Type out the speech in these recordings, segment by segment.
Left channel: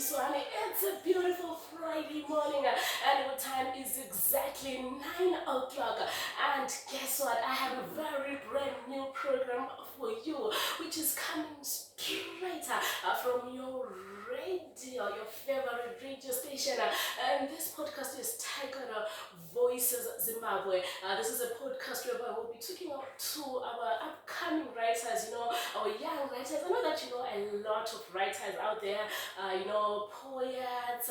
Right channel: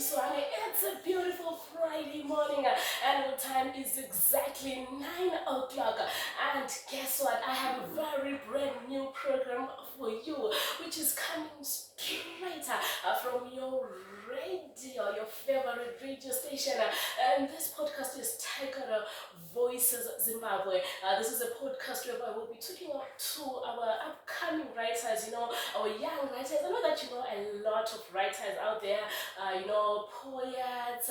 this one. It's a beautiful Friday morning, and our time is exactly 9 o'clock. And guess what? I have a very brand new program for you, which is coming straight from your radio, your favorite radio station. And this podcast is titled Voices Zimbabwe. This is a podcast where we'll be talking to our upcoming writers, our young writers. I know that you know a lot of writers out there, poets,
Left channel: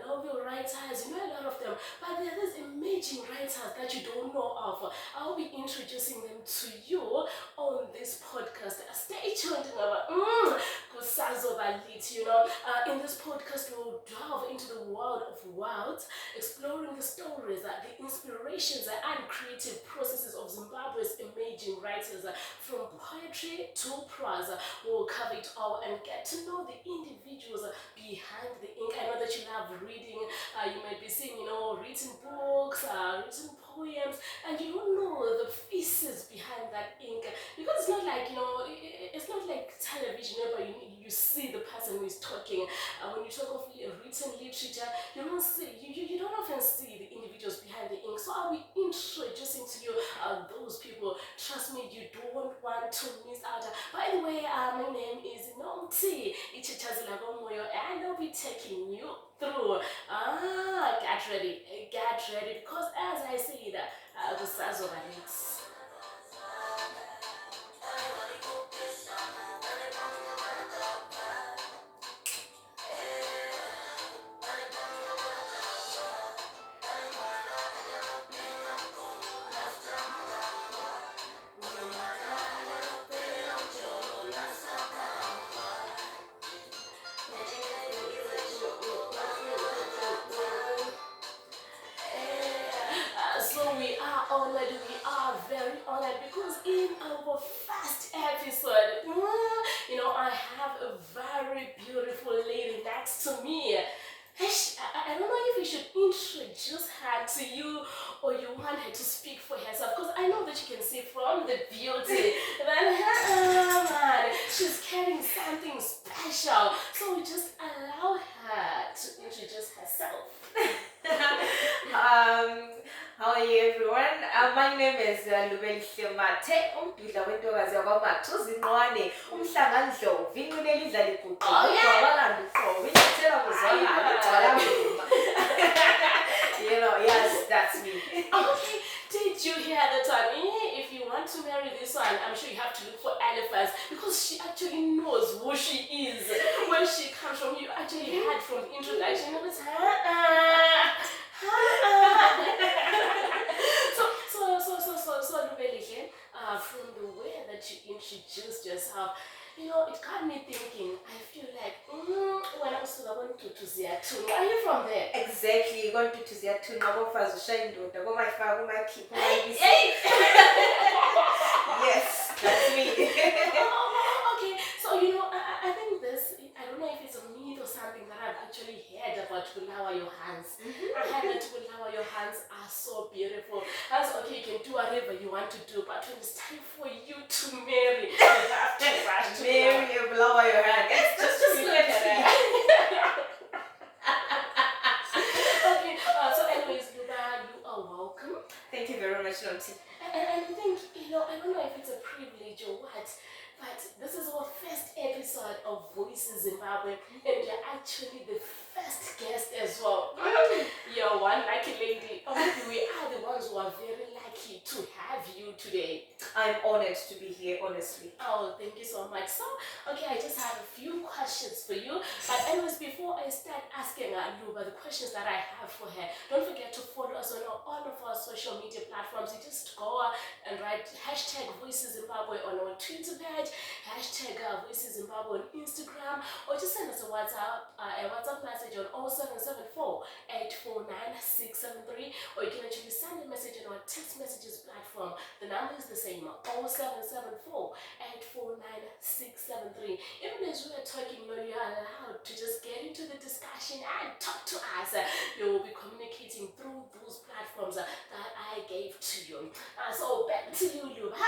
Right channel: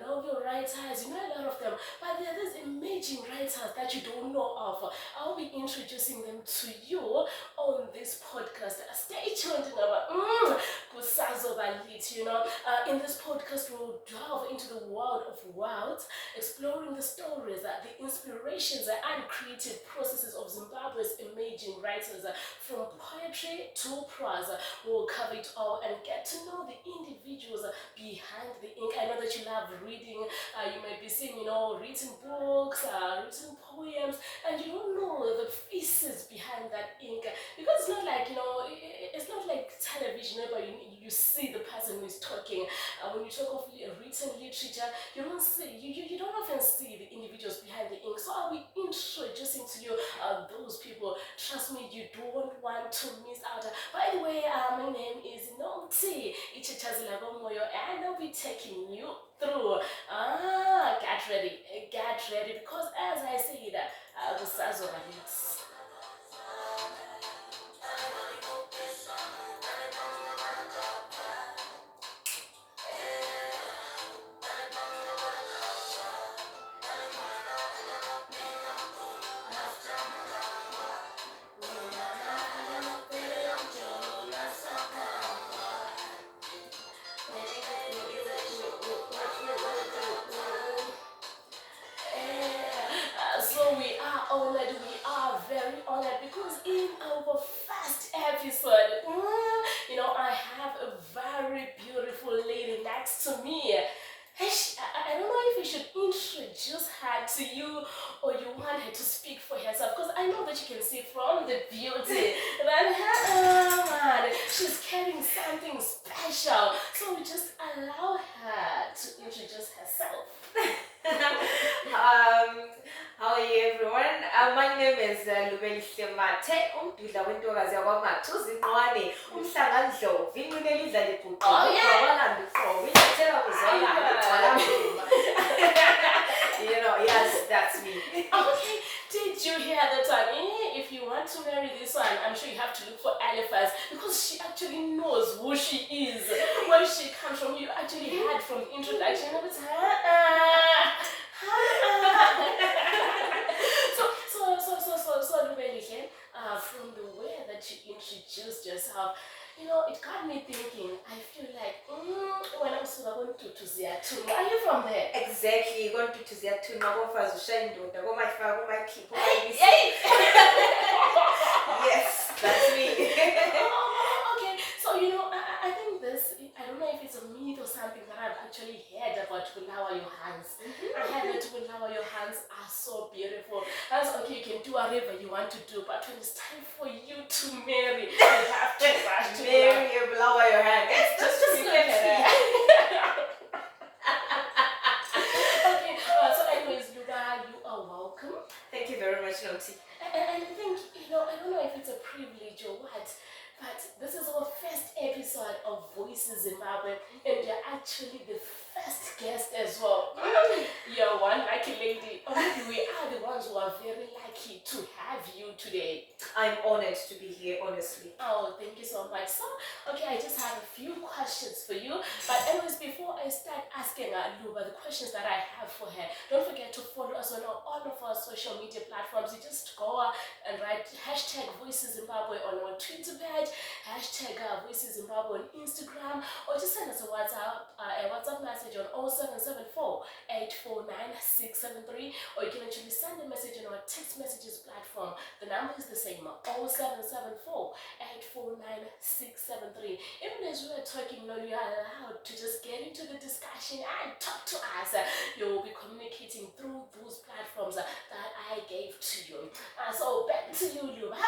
novel writers, a lot of them. But there are these emerging writers that you don't know of. I'll be introducing them to you on this podcast. Stay tuned, in this podcast we'll delve into the world of words, exploring the stories, the inspirations and creative processes of Zimbabwe's emerging writers, from poetry to prose. We'll cover it all and get to know the individuals behind the ink. I know that you love reading. You might be seeing, written books, written poems, and you don't know the faces behind that ink, because it's not like, it's not like television where you see the person who is talking. When you talk of written literature, you don't often see the individuals behind the ink. So I'll be introducing to you those people. Trust me, you don't want to miss out. By the way, my name is Nomthie, and I'll be taking you through. Get ready, because as I said, the size of it. We are very honored, because in our first episode, I have a very beautiful lady next to me. I don't know if we should introduce her to you, or you want her to speak for herself, because I know that you can see from the beauty that she's carrying something special. So we just allow her to introduce herself. How are you, everyone? My name is Mate, umpidla wentokazi yakwaMathuzi Nqwane, umhlangandlovu, inqineli idla libhuqe, ubhabalanda uqobo, inyathela kuzwakala, igcwala mzimba. Yes, that's me. Okay, did you hear that one? If you want to marry this one, I'm sure you have to look for elephants, because she actually knows who she is, where she comes from. You actually heard from the introduction. So Lubelihle, from the way that you introduced yourself, it got me thinking. I feel like when I was going to Ziatun. Are you from there? Exactly, going to Ziatun, Nagofa's Shendoda, go my father, my people. Yes, that's me. Okay, so I think this, I don't know if it's a myth or something that I've actually heard about Bulawa Johans. I heard that Bulawa Johans are so beautiful. That's okay, you can do whatever you want to do, but when it's time for you to marry, you have to rush to marry Bulawa Johans. It's just look at that. Okay, so anyways, Luba, you are welcome. Thank you very much, Nomthie. And I think, I don't know if it's a privilege or what, but this is our first episode of Voices Zimbabwe, and you're actually the first guest as well. You're one lucky lady. We are the ones who are very lucky to have you today. I'm honored to be here, honestly. Oh, thank you so much. So, okay, I just have a few questions for you. But anyways, before I start asking Luba the questions that I have for her, don't forget to follow us on all of our social media platforms. You just go and write #Voices Zimbabwe on our Twitter page, #Voices Zimbabwe on Instagram, or just send us a WhatsApp message on 0774 849 673, or you can actually send a message on our text messages platform. The number is the same, 0774 849 673. Even as we are talking, you're allowed to just get into the discussion and talk to us. You will be communicating through those platforms that I gave to you. So back to you, Luba.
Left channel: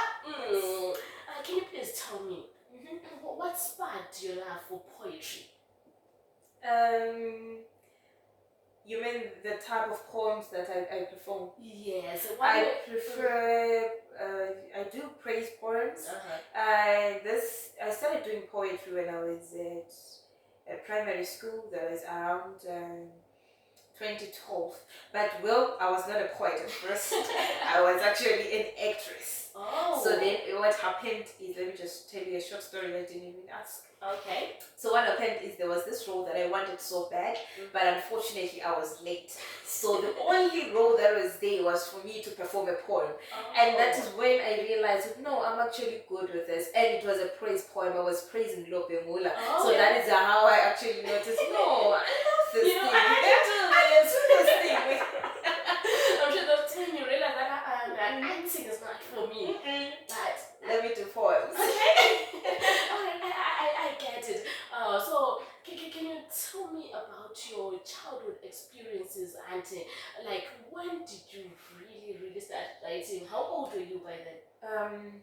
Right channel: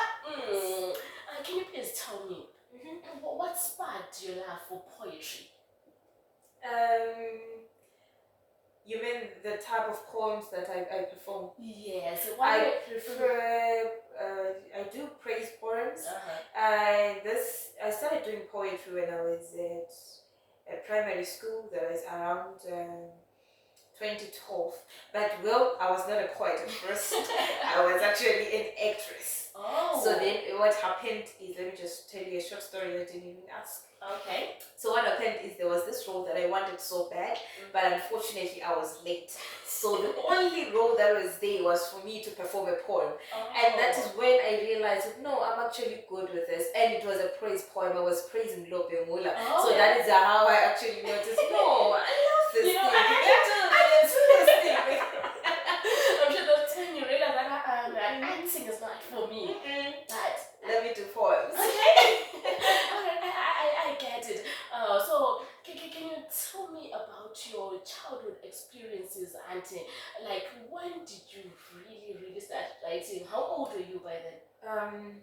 Can you please tell me what sparked your love for poetry? You mean the type of poems that I perform? Yes. I prefer. I do praise poems. I started doing poetry when I was at primary school. That was around 2012. But I was not a poet at first. I was actually an actress. Oh. So then what happened is, let me just tell you a short story that I didn't even ask. Okay. So what happened is there was this role that I wanted so bad, but unfortunately I was late. So the only role that was there was for me to perform a poem. And that is when I realized, no, I'm actually good with this. And it was a praise poem. I was praising Lopengula. So that is how I actually noticed, no, I love this thing. I do this thing. I'm sure that's when you realize that acting is not for me. But let me do poems. Okay. I get it. So can you tell me about your childhood experiences and like when did you really start writing? How old were you by then?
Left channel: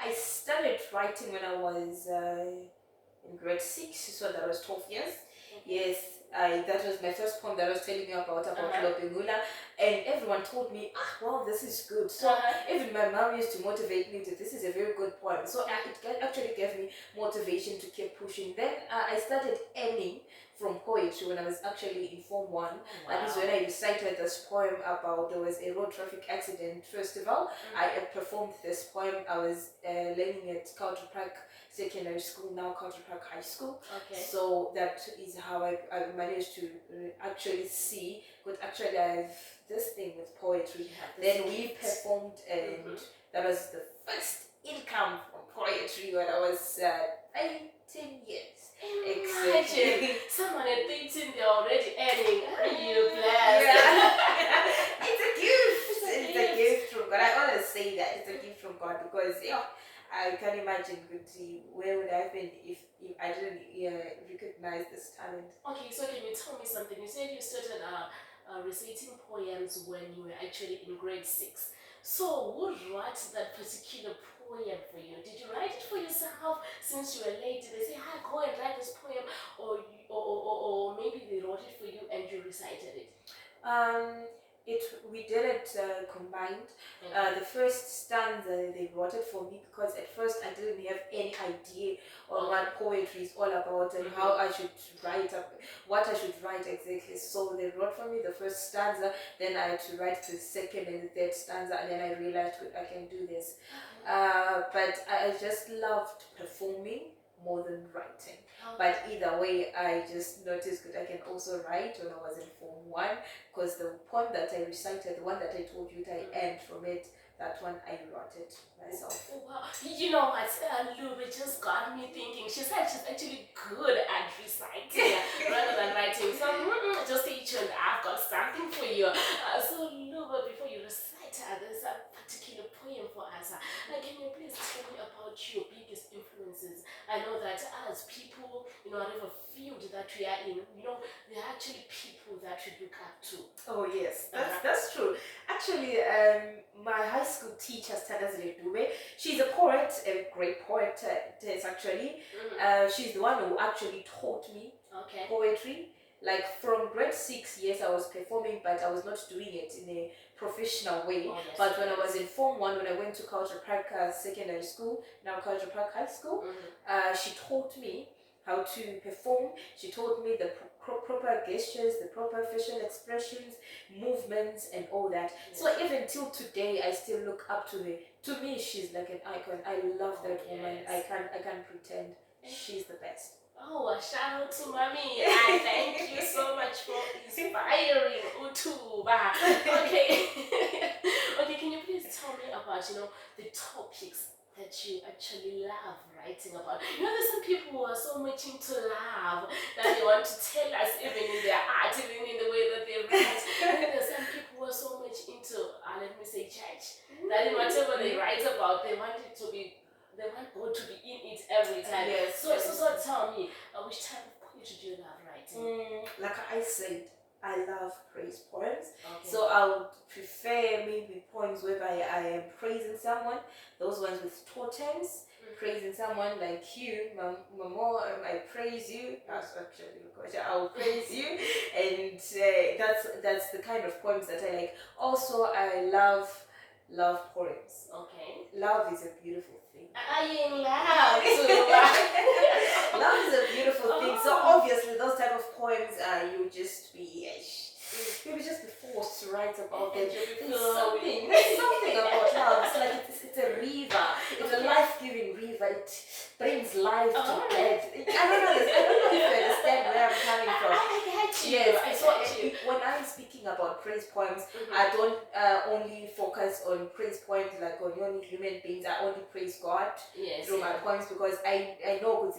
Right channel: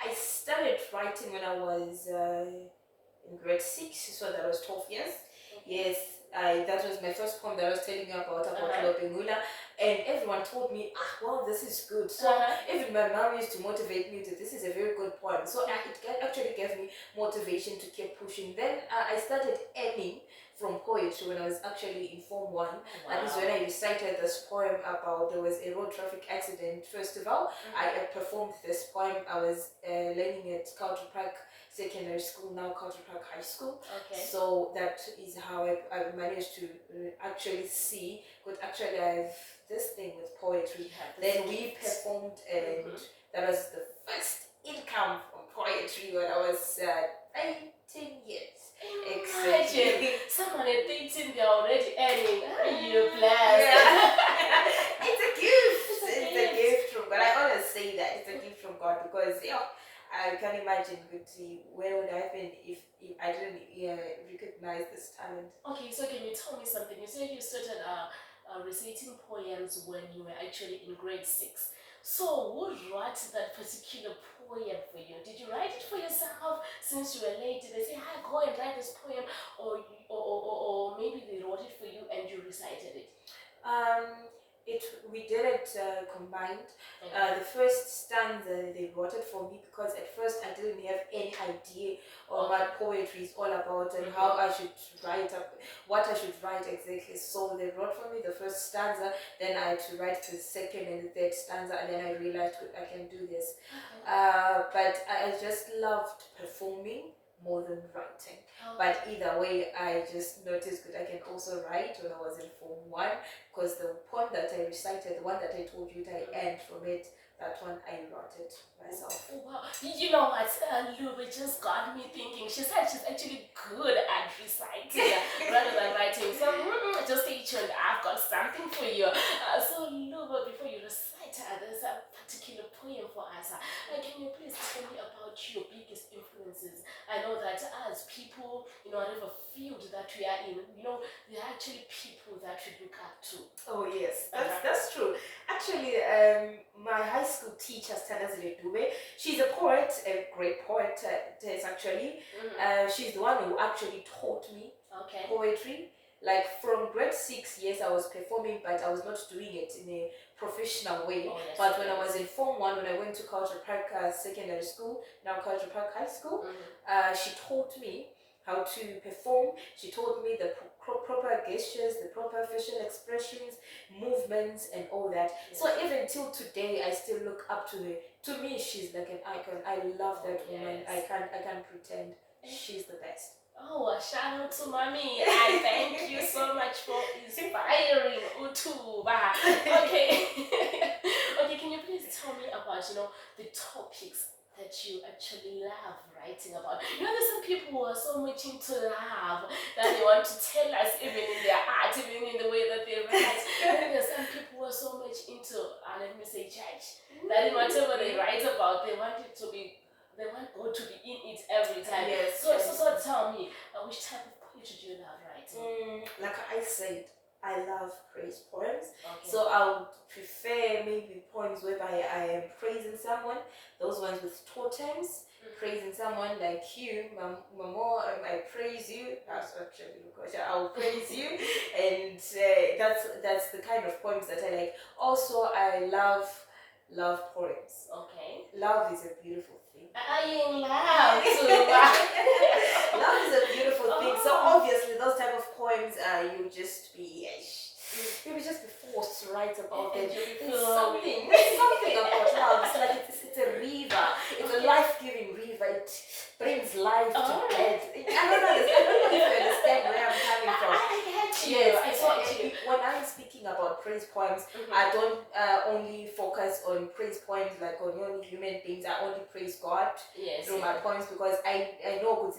I started writing when I was in grade 6, so that was 12 years. Yes, that was my first poem that I was telling you about Lopengula, and everyone told me, wow, this is good. So even my mom used to motivate me that this is a very good poem. So it actually gave me motivation to keep pushing. Then I started aiming from poetry when I was actually in Form 1. That is when I recited this poem about there was a road traffic accident festival. I performed this poem. I was learning at Culture Park Secondary School, now Culture Park High School. Okay. So that is how I managed to actually see, but actually I have this thing with poetry. Then we performed, and that was the first income from poetry when I was 18 years. Imagine someone at 18, they're already earning. You blessed. It's a gift. It's a gift from God. I always say that it's a gift from God because I can imagine where would I have been if I didn't recognize this talent. Okay, so can you tell me something? You said you started reciting poems when you were actually in grade 6. So who wrote that particular poem for you? Did you write it for yourself since you were late? Did they say, hi, go and write this poem? Or maybe they wrote it for you and you recited it? We did it combined. The first stanza they wrote it for me because at first I didn't have any idea on what poetry is all about and how I should write what I should write exactly. So they wrote for me the first stanza, then I had to write the second and the third stanza, and then I realized I can do this. But I just loved performing more than writing. But either way, I just noticed that I can also write when I was in Form 1, because the poem that I recited, the one that I told you that I earned from it, that one I wrote it myself. Oh, wow. You know what, Lube just got me thinking. She said she's actually good at reciting rather than writing. So just stay tuned. I've got something for you. So Lube, before you recite this particular poem for us, can you please tell me about your biggest influences? I know that as people, whatever field that we are in, there are actually people that we look up to. Oh yes, that's true. Actually, my high school teacher, Stanazile Dube, she's a poet, a great poet. Actually, she's the one who actually taught me poetry. Like from grade 6 years, I was performing, but I was not doing it in a professional way. But when I was in Form 1, when I went to Culture Park Secondary School, now Culture Park High School, she taught me how to perform. She taught me the proper gestures, the proper facial expressions, movements, and all that. So even till today, I still look up to her. To me, she's like an icon. I love that woman. I can't pretend. She's the best. Oh, a shout out to Mommy, and thank you so much for inspiring Utuba. Okay. Okay, can you please tell me about, the topics that you actually love writing about? There's some people who are so much into love that they want to tell us even in their art, even in the way that they write. And then there's some people who are so much into, let me say, church, that in whatever they write about, they want God to be in it every time. Yes. So tell me, which type of poetry do you love writing? Like I said, I love praise poems. Okay. So I would prefer maybe poems whereby I am praising someone. Those ones with totems, praising someone like you, Mamo, I praise you. That's actually the question. I will praise you, and that's the kind of poems that I like. Also, I love poems. Okay. Love is a beautiful thing. Are you in love too? Love is a beautiful thing. So obviously, those type of poems, you'll just be forced to write about them. There's something about love. It's like it's a river. It's a life-giving river. It brings life to death. I don't know if you understand where I'm coming from. I get you. Yes. So when I'm speaking about praise poems, I don't only focus on praise poems like on only human beings. I only praise God through my poems, because I know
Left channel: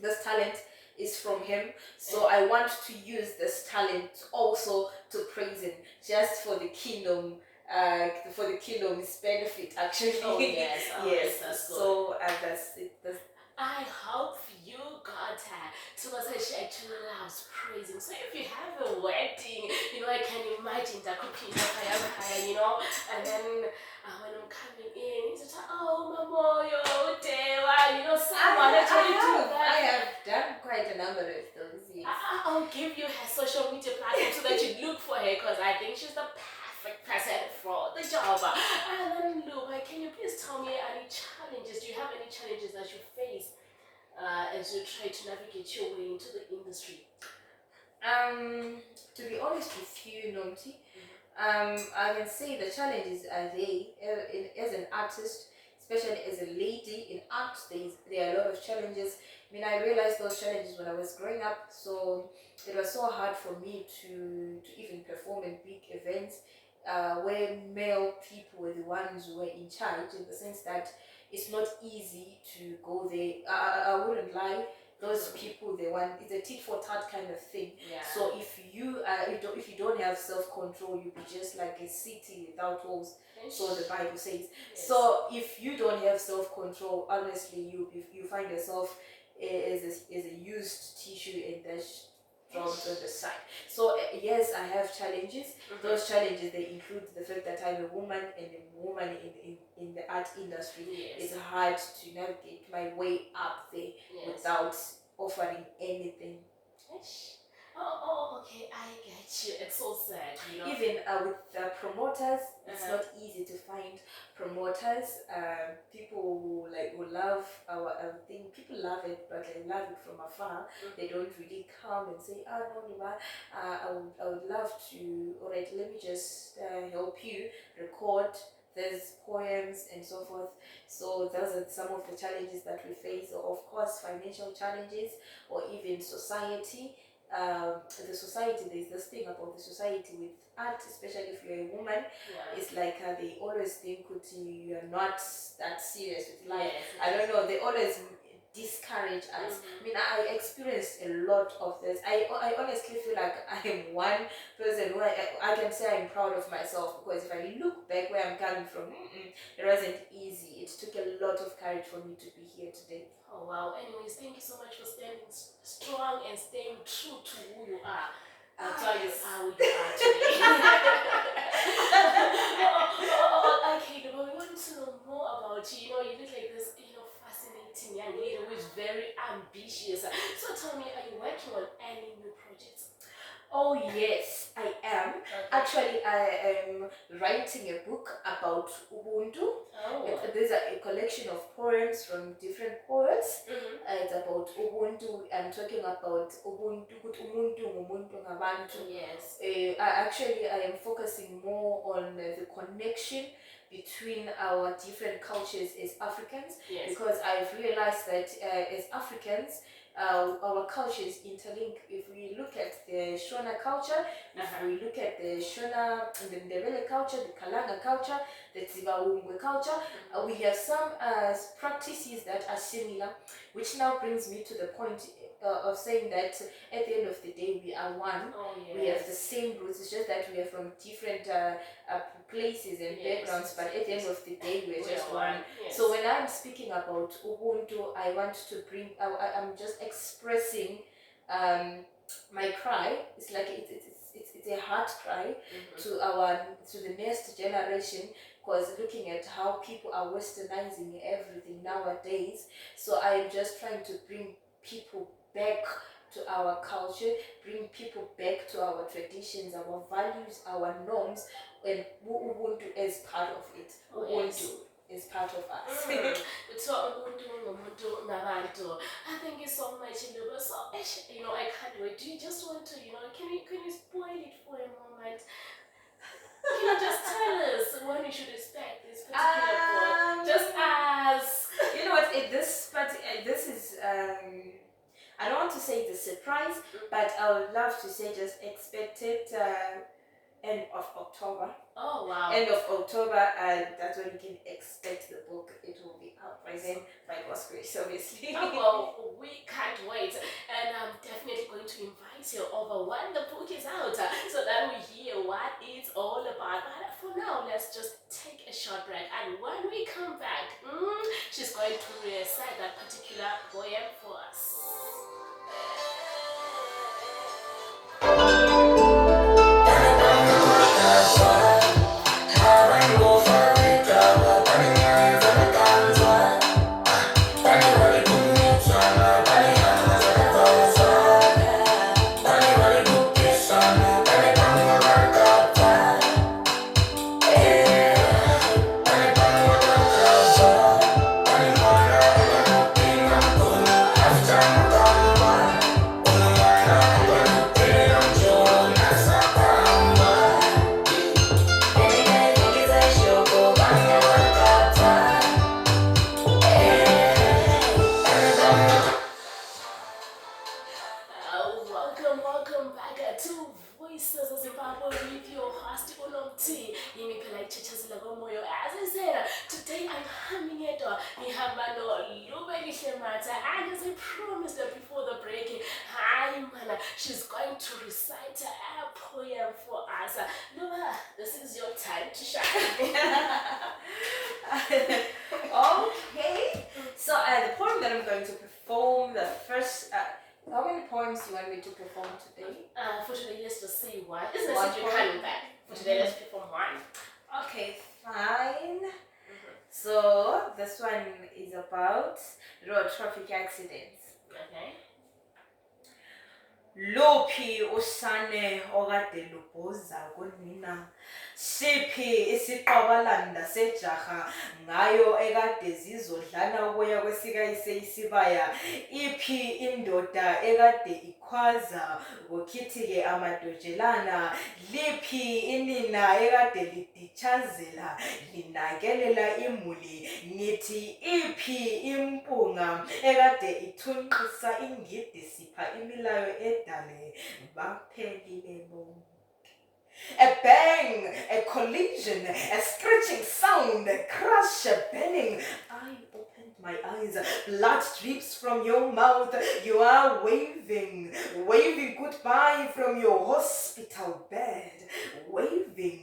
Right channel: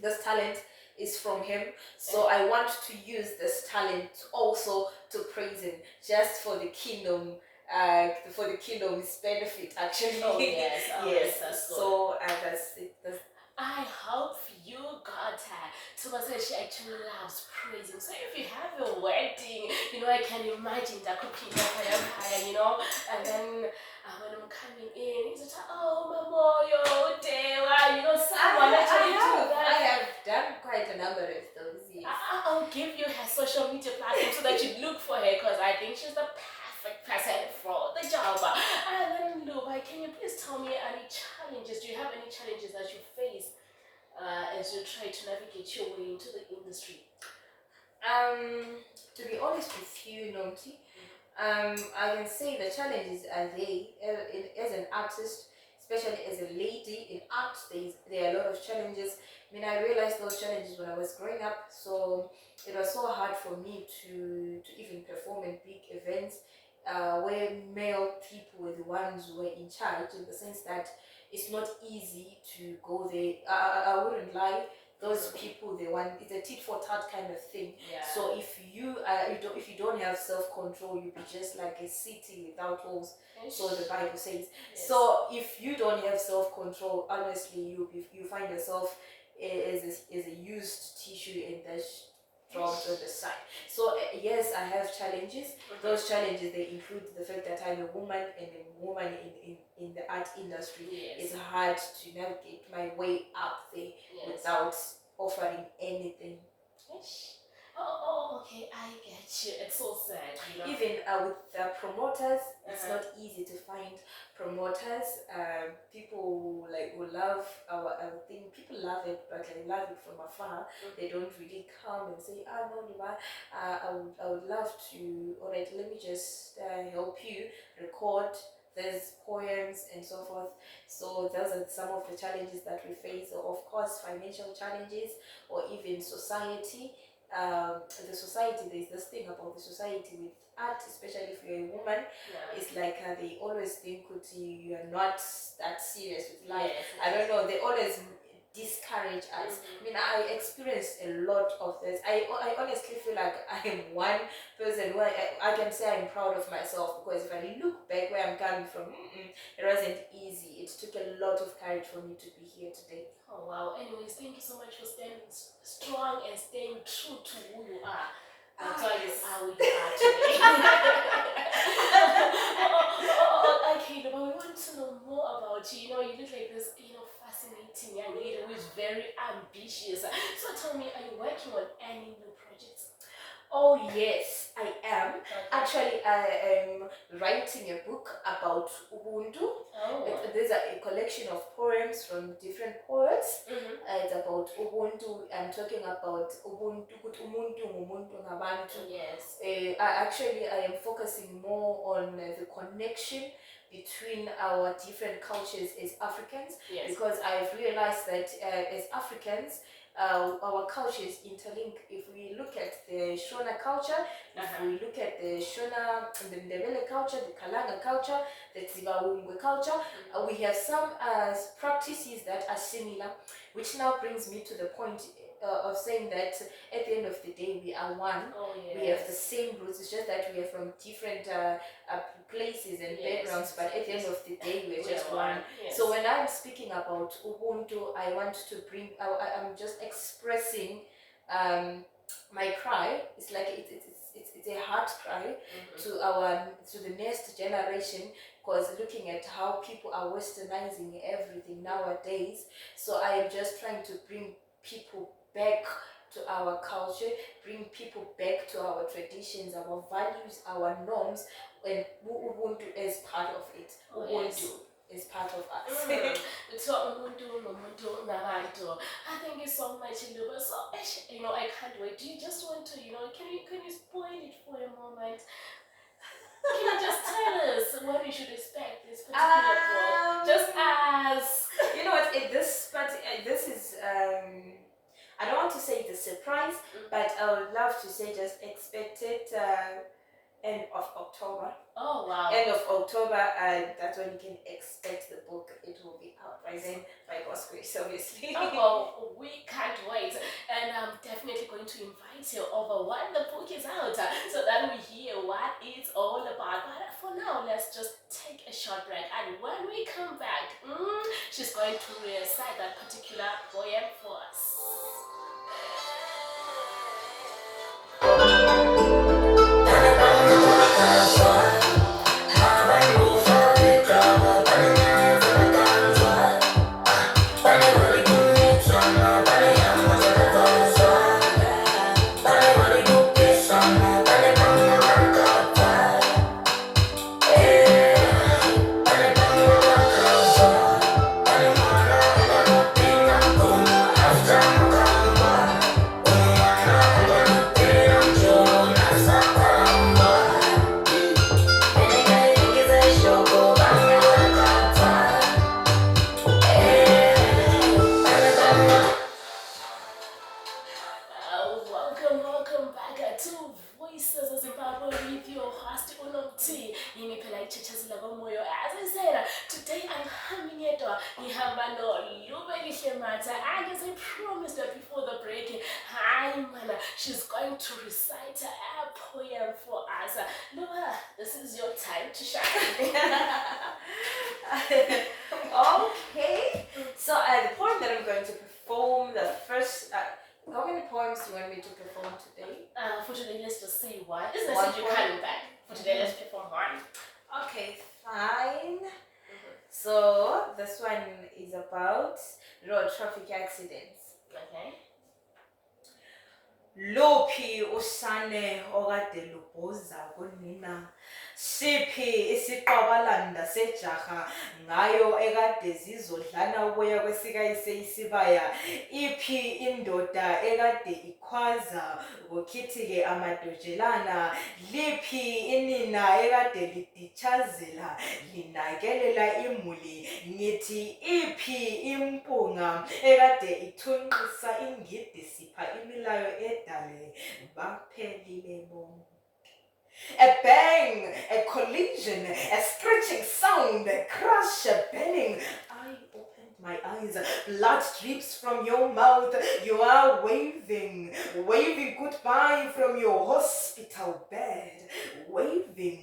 this talent is from Him. So I want to use this talent also to praise Him, just for the kingdom. For the kingdom's benefit, actually. Oh yes, yes. That's good. So that's it. I hope you got her. So she actually loves praising. So if you have a wedding, I can imagine that cooking fire, and then when I'm coming in, it's like, oh, Mamo, yo, Dewa, someone actually do that. I have done quite a number of those. Yes. I'll give you her social media platform so that you look for her, because I think she's the perfect person for the job. And then, Luba, can you please tell me any challenges? Do you have any challenges that you face as you try to navigate your way into the industry? To be honest with you, Nomthie, I can say the challenges are there. As an artist, especially as a lady in art, there are a lot of challenges. I mean, I realized those challenges when I was growing up, so it was so hard for me to even perform in big events where male people were the ones who were in charge, in the sense that it's not easy to go there. I wouldn't lie. Those people, it's a tit for tat kind of thing. Yeah. So if you don't have self-control, you'll be just like a city without walls. So the Bible says. Yes. So if you don't have self-control, honestly, you find yourself as a used tissue and that's dropped on the side. So yes, I have challenges. Those challenges, they include the fact that I'm a woman, and a woman in the art industry. Yes. It's hard to navigate my way up there without offering anything. Oh, okay, I get you. It's so sad, Even with promoters, it's not easy to find promoters. People who love our thing. People love it, but they love it from afar. They don't really come and say, no, Niba, I would love to. All right, let me just help you record these poems and so forth. So those are some of the challenges that we face. So of course, financial challenges, or even society. The society, there's this thing about the society with art, especially if you're a woman. It's like they always think that you're not that serious with life. I don't know, they always discourage us. I mean, I experienced a lot of this. I honestly feel like I am one person who I can say I'm proud of myself, because if I look back where I'm coming from, it wasn't easy. It took a lot of courage for me to be here today. Oh wow. Anyways, thank you so much for standing strong and staying true to who you are. That's why you are who you are today. Okay, but we want to know more about you. You look like this, fascinating young lady who is very ambitious. So tell me, are you working on any new projects? Oh yes, I am. Okay. Actually, I am writing a book about Ubuntu. There's a collection of poems from different poets. It's about Ubuntu. I'm talking about Ubuntu, Ubuntu ngabantu. Yes. I am focusing more on the connection between our different cultures as Africans. Yes. Because I've realized that as Africans, our cultures interlink. If we look at the Shona culture, if we look at the Shona, the Ndebele culture, the Kalanga culture, the Tzibawungwe culture, we have some practices that are similar, which now brings me to the point of saying that at the end of the day, we are one. Oh, yes. We have the same roots. It's just that we are from different places and backgrounds, but at the end of the day, we're just one. Yes. So when I'm speaking about Ubuntu, I want to bring, I'm just expressing my cry. It's like it's it's a heart cry to the next generation, because looking at how people are westernizing everything nowadays. So I am just trying to bring people back to our culture, bring people back to our traditions, our values, our norms, and Ubuntu as part of it. Ubuntu is part of us. So thank you so much, Luba. So I can't wait. Do you just want to, can you spoil it for a moment? Can you just tell us what we should expect this particular book? Just as you know what? This is I don't want to say it's a surprise, but I would love to say just expect it end of October. Oh wow! End of October, and that's when you can expect the book. It will be out by then, by God's grace, obviously. Oh, we can't wait, and I'm definitely going to invite you over when the book is out, so that we hear what it's all about. But for now, let's just take a short break, and when we come back, she's going to recite that particular poem for us. Welcome back to Voices of Zimbabwe with your host Nomthie. As I said, today I'm humming it. Nihamba no Lubelihle Mata. And as I promised before the break, she's going to recite a poem for us. Luba, this is your time to shine. Okay. So the poem that I'm going to perform, the first. How many poems do you want me to perform today? For today, let's just say one. Isn't it you're coming back? For today, let's perform one. Okay, fine. So this one is about road traffic accidents. Okay. Luphi usane okade lubhoza kunina, siphi isiqabalanda sejaha ngayo ekade zizodlana uboya kwesikayise isibaya, iphi indoda ekade ikhwaza kukhithike amadojelana, liphi inina ekade liditshazela linakelela imuli, ngithi iphi impunga ekade ithunqisa ingidi sipha imilayo edale baphelile bonke. A bang, a collision, a screeching sound, a crash, a banging. I opened my eyes, blood drips from your mouth. You are waving, waving goodbye from your hospital bed, waving,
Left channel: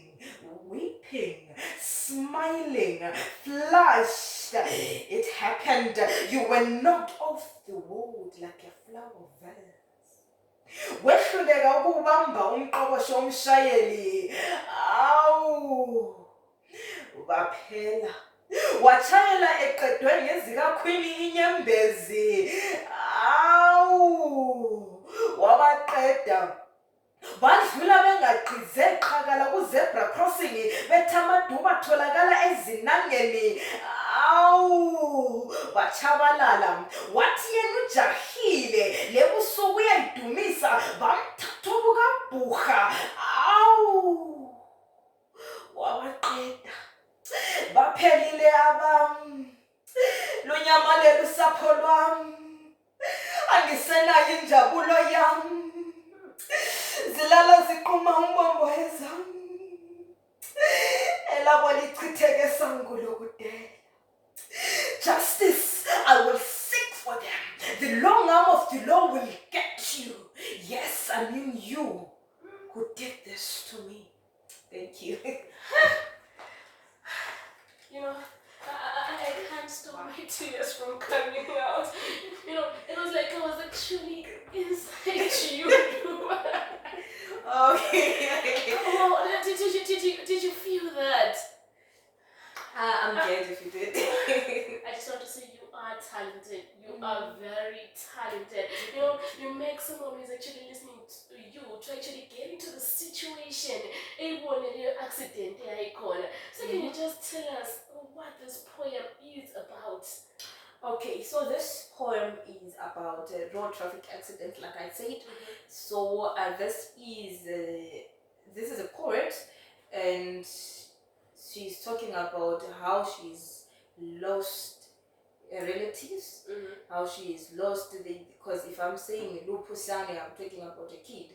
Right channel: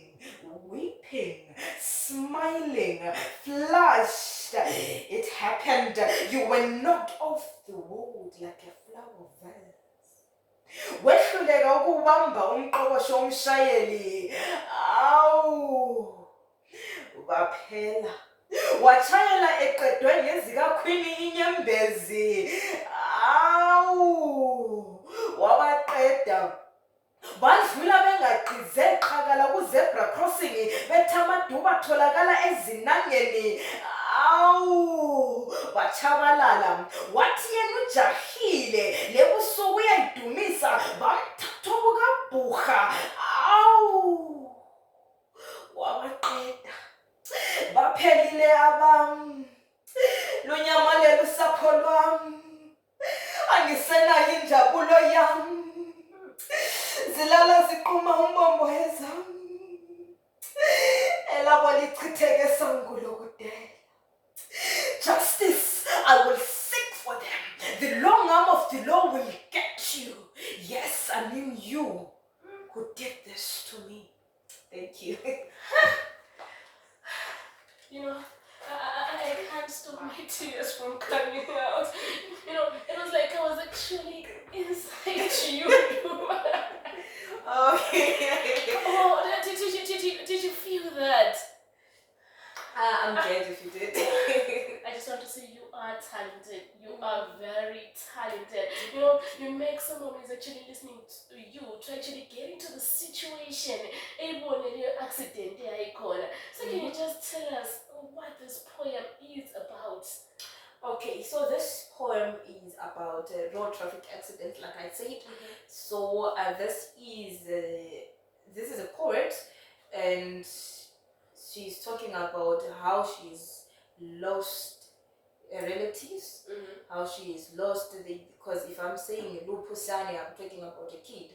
weeping, smiling, flushed. It happened. You were knocked off the road like a flower vase. Wehluleka ukubamba umqoqosho womshayeli, awu baphela wachayela eqedwe ngezikakhwini inyembezi, awu wabaqeda badlula bengaqhize qhakala ku-zebra crossing bethi amaduba atholakala ezinangeni, awu bachabalala. Wathi yena ujahile lebusuku uyayidumisa bamthatha obukabhuha, awu wabaqeda baphelile abam, lunyamalele usapho lwam, angisenayo injabulo yam, zilala ziquma umbombo ezam, elabo lichitheke sangu lokudela. Justice I will seek for them. The long arm of the law will get you. Yes, I mean you who did this to me. Thank you. I can't stop my tears from coming out. It was like I was actually inside you. Okay. actually listening to you to actually get into the situation. Accident. So can you just tell us what this poem is about? Okay, so this poem is about a road traffic accident, like I said. So this is a poet, and she's talking about how she's lost relatives, how she is lost. Because if I'm saying lupusane, I'm talking about a kid.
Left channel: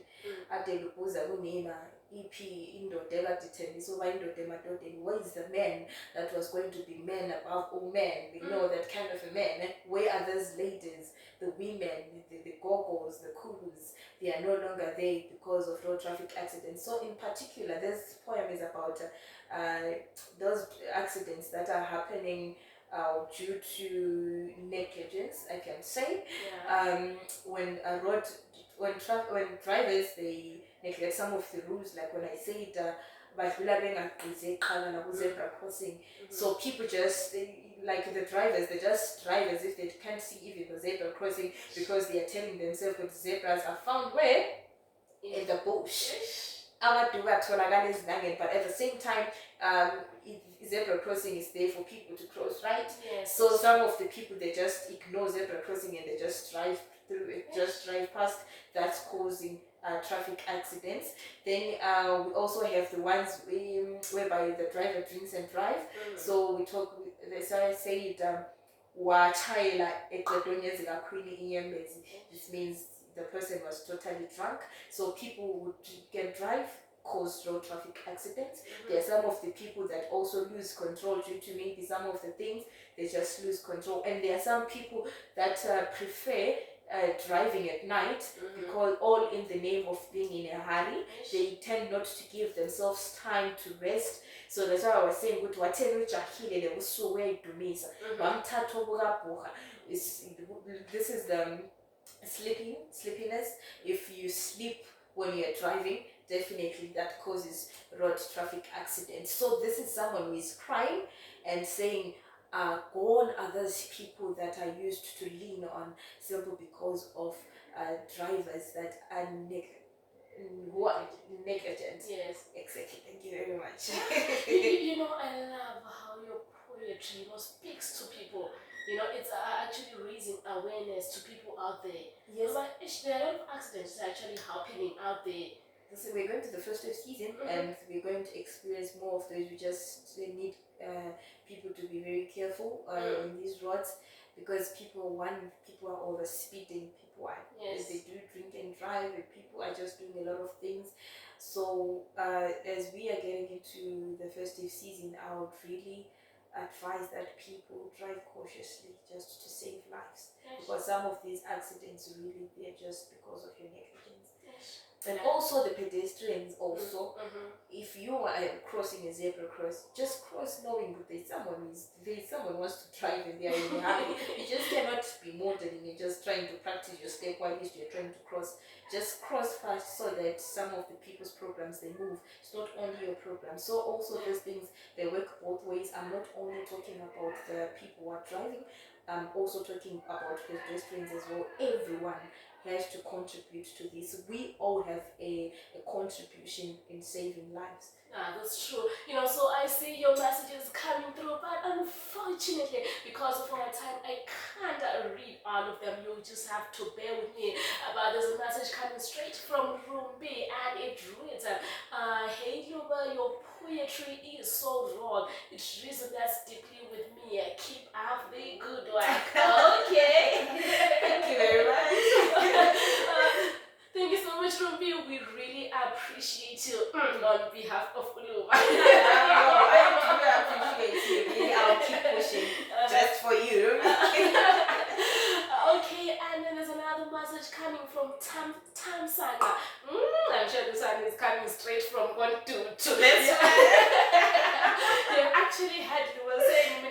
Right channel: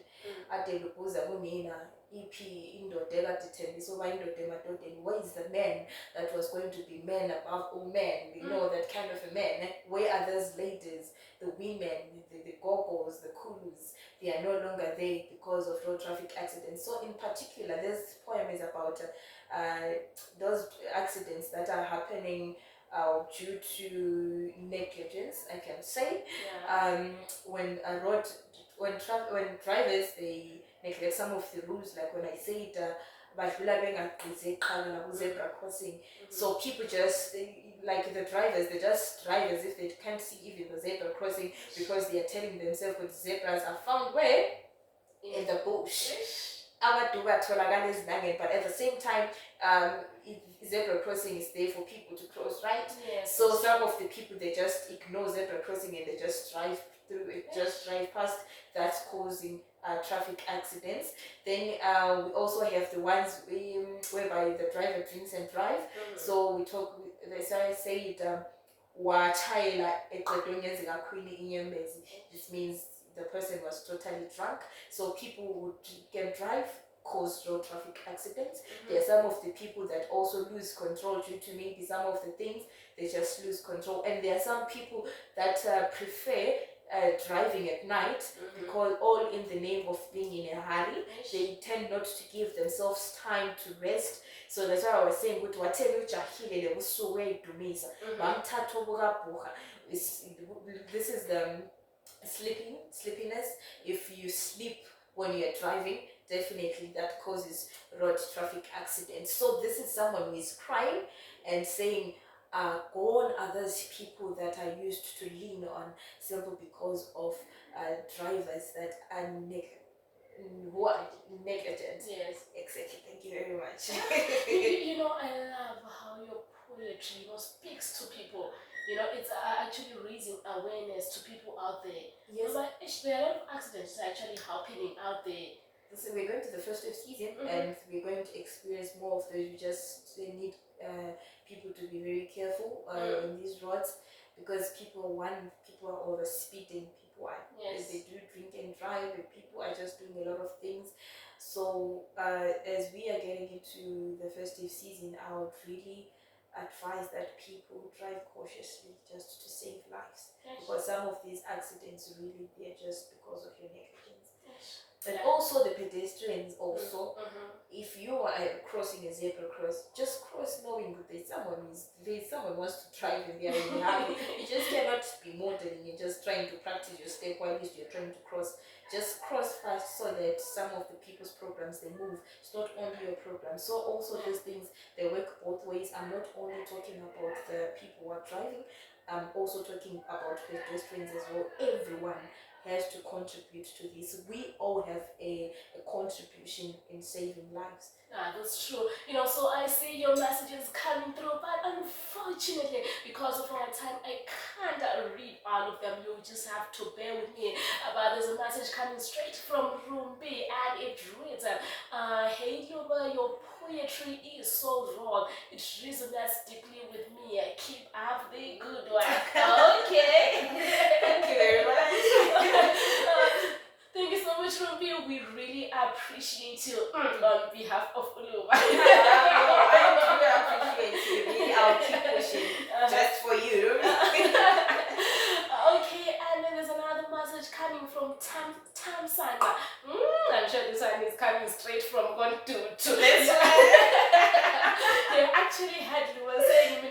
Ade lupuza kunina iphi indoda ekadithembisa uba indoda emadodeni. Where is the man that was going to be man above all men? We know that kind of a man. Where are those ladies, the women, the gogos, the kulus? They are no longer there because of road traffic accidents. So in particular, this poem is about those accidents that are happening due to negligence, I can say. When drivers, they neglect some of the rules, like when I said zebra crossing. So people just like the drivers, they just drive as if they can't see even the zebra crossing, because they are telling themselves that zebras are found where? In the bush. But at the same time, zebra crossing is there for people to cross, right? Yes. So some of the people, they just ignore zebra crossing and they just drive through it, just drive past. That's causing traffic accidents. Then we also have the ones whereby the driver drinks and drive. So we talk. They say it. Wachayela eqedonyezi kakhulu inyembezi. This means the person was totally drunk. So people can drive, cause road traffic accidents. There are some of the people that also lose control due to maybe some of the things. They just lose control. And there are some people that prefer driving at night, because all in the name of being in a hurry. They tend not to give themselves time to rest. So that's why I was saying, whatever this is the sleepiness. If you sleep when you're driving, definitely that causes road traffic accidents. So this is someone who is crying and saying, gone are those people that I used to lean on simply because of drivers that are who are negligent. Yes. Exactly. Thank you very much. I love how your poetry speaks to people. It's actually raising awareness to people out there. Yes. But there are a lot of accidents actually happening out there. So we're going to the festive season, and we're going to experience more of those. We just need people to be very careful in these roads, because people are over speeding. People are they do drink and drive, and people are just doing a lot of things. So as we are getting into the festive season, I would really advise that people drive cautiously, just to save lives, because some of these accidents really, they're just because of your negligence. And also the pedestrians also. If you are crossing a zebra cross, just cross knowing that someone wants to drive and they are in a hurry. You just cannot be modeling. You're just trying to practice your step while you're trying to cross. Just cross fast so that some of the people's programs, they move. It's not only your program. So also these things, they work both ways. I'm not only talking about the people who are driving, I'm also talking about pedestrians as well. Everyone has to contribute to this. We all have a contribution in saving lives. That's true. So I see your messages coming through, but unfortunately, because of our time, I can't read all of them. You just have to bear with me. But there's a message coming straight from Rumbi, and it reads, hey Luba, your poetry is so raw. It resonates deeply with me. Keep up the good work. Okay. Thank you very much. Thank you so much, Rumbi. We really appreciate you on behalf of Uluba. I appreciate you. Really, I'll keep pushing just for you. Okay, and then there's another message coming from Tam Sanga. I'm sure this one is coming straight from God to this one. They actually had you were saying, and he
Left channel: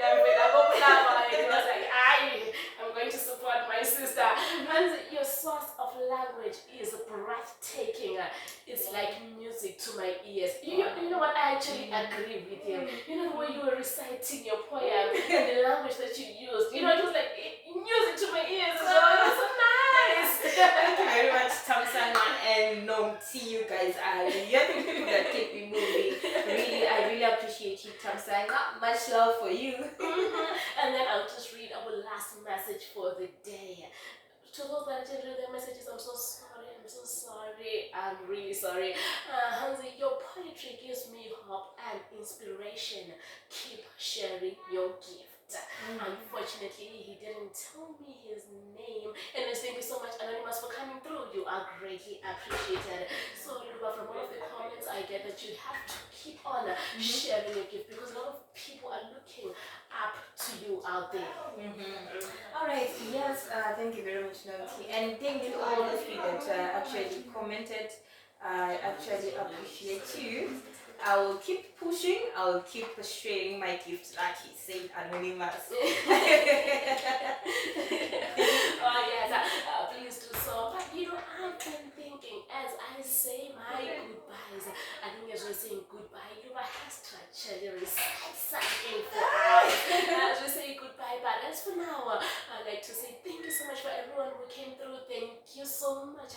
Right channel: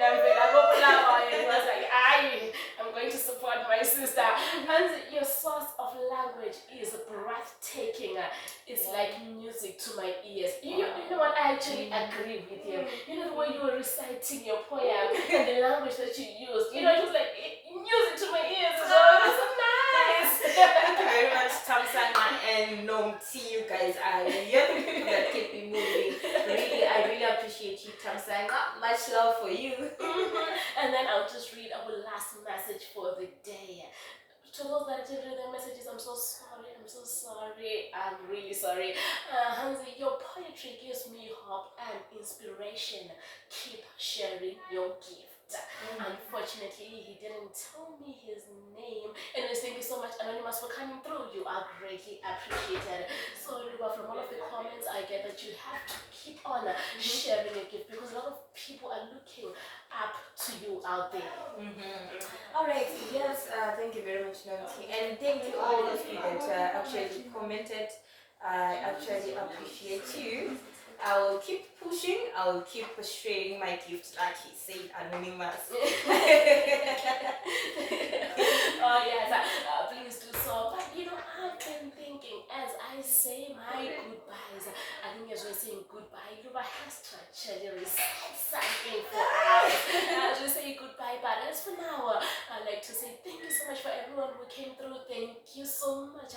was like, I'm going to support my sister. And your source of language is breathtaking. It's like music to my ears. You know what? I actually agree with you. The way you were reciting your poem and the language that you used. It was like music to my ears. It was so nice. Thank you very much, Tamsang. and Nomthie, you guys are. You're the people that keep me moving. Really, I really appreciate you, Tamsang. Much love for you. And then I'll just read our last message for the day. To those that didn't read their messages, I'm so sorry. I'm really sorry. Hansi, your poetry gives me hope and inspiration. Keep sharing your gift. Unfortunately, he didn't tell me his name. Anyways, thank you so much, Anonymous, for coming through. You are greatly appreciated. So, Luba, from all of the comments, I get that you have to keep on sharing your gift because a lot of people are looking up to you out there. All right, yes, thank you very much, Nomthie, and thank you all of you that actually commented. I actually appreciate you. I will keep pushing. I will keep sharing my gift, like he said, Anonymous. Oh yes, please do so. But I've been thinking as I say my goodbyes. I think as we're saying goodbye, Luba has to actually recite something for us as we say goodbye. But as for now, I'd like to say thank you so much for everyone who came through. Thank you so much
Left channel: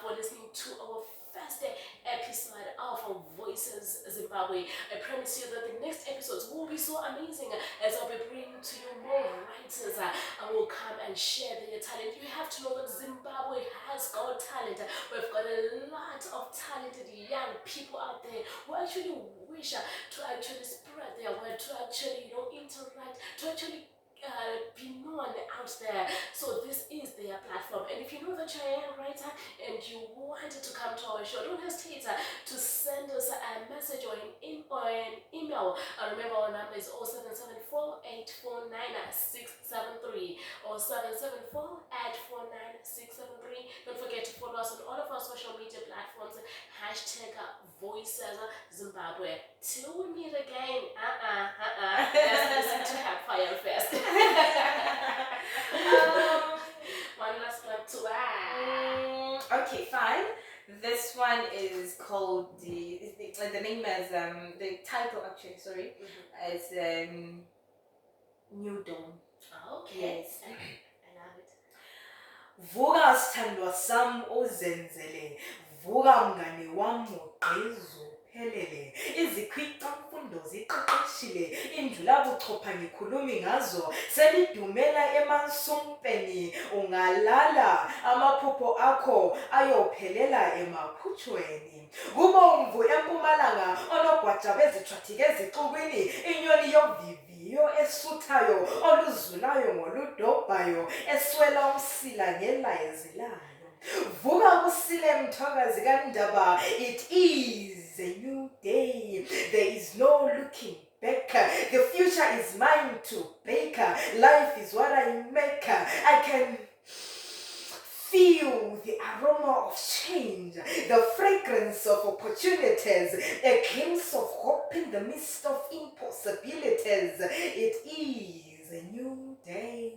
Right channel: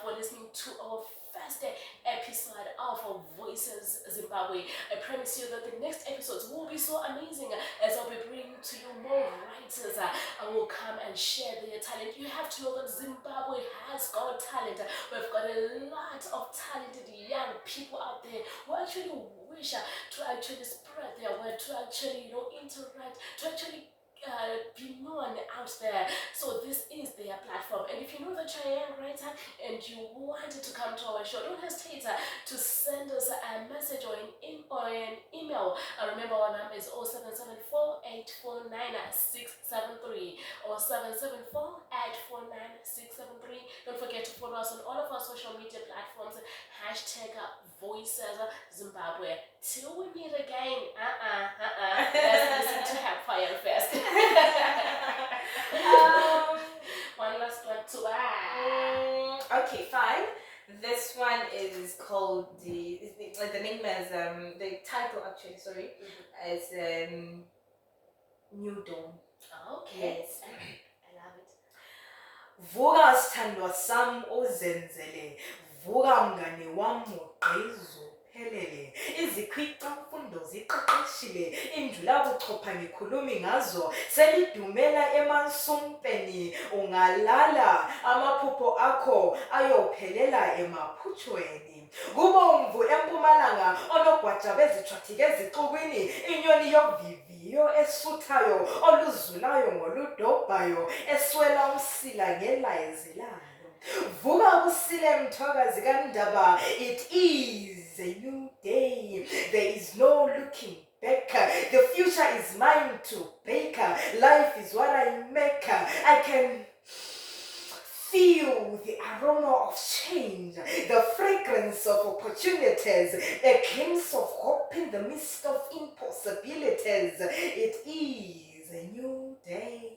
for listening to our first episode of Voices Zimbabwe. I promise you that the next episodes will be so amazing as I'll be bringing to you more writers who will come and share their talent. You have to know that Zimbabwe has got talent. We've got a lot of talented young people out there who actually wish to actually spread their word, to actually interact, to actually be known out there. So this is their platform, and if you know that you're a young writer and you wanted to come to our show, don't hesitate to send us a message or an email. Remember our number is 0774 849 673 or 774 849 673. Don't forget to follow us on all of our social media platforms. #Voices Zimbabwe. Till we meet again. Let's listen to Hellfire first. One last one to Okay, fine. This one is called the name as the title actually. Sorry, is New Dawn. Okay. Yes. I love it. Vuka sithandwa sami ozenzele, vuka mngane wami ugqizo phelele, izikhwica mfundo ziqeqeshile, indlula buchopha ngikhulumi ngazo, selidumela emansumpeni, ungalala amaphupho akho ayophelela emaphutshweni. Kubomvu empumalanga onogwaja bezithathike ezixukwini, inyoni yoviviyo esuthayo oluzulayo ngoludobhayo, eswela umsila ngelayezelayo. Vuka kusile mthwakazi kaNdaba, it is a new day. There is no looking back. The future is mine to bake. Life is what I make. I can feel the aroma of change, the fragrance of opportunities, a glimpse of hope in the midst of impossibilities. It is a new day,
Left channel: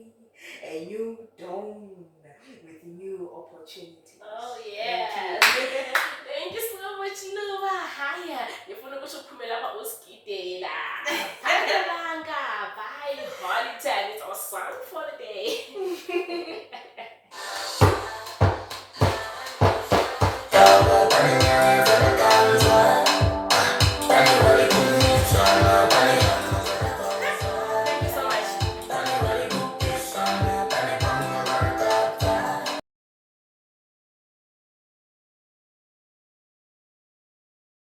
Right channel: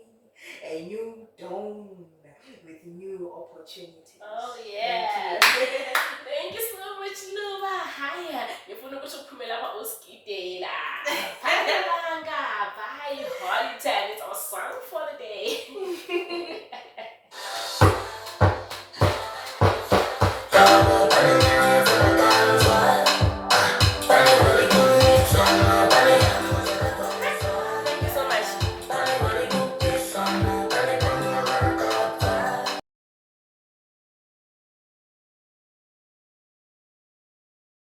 a new dawn with new opportunities. Oh yeah. Thank you so much, Luba. Hiya. Ngifuna ukuthi uphume lapha uskidela. Bye, Hollyton. It's our song for